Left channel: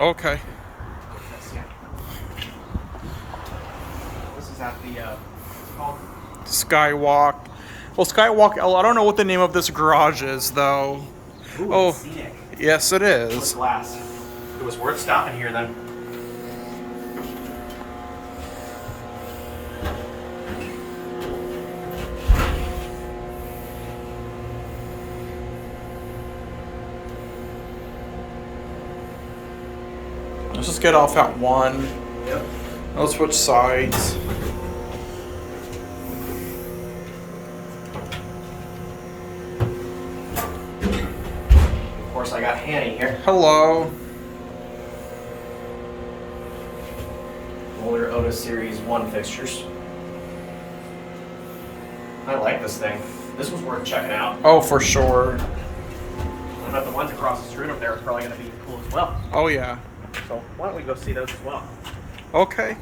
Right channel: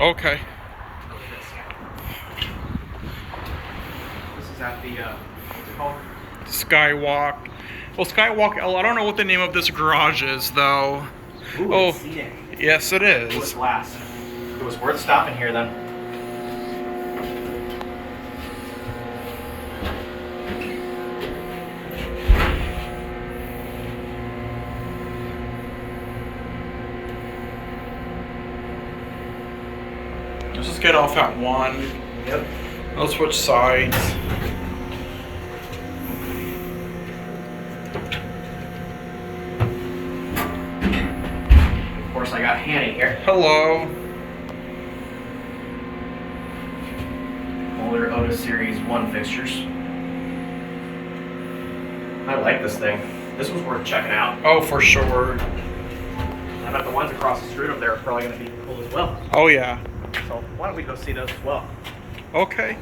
Okay. This is at the, what's it called? Skywalk. Well, Skywalk L. I don't know what the name of this garage is, though. Ooh, Oh, it's Scenic. yes, it It was is. glass. It was worth stopping here then. Let's just get off at 1. Yep. Let's switch sides. Of course, I got Hanny here. Hello. Older Otis Series 1 fixtures. I like this thing. This was worth checking out. Oh, for sure. I bet the ones across the street over there are probably going to be cool as well. Oh, yeah. So why don't we go see those as well? Okay.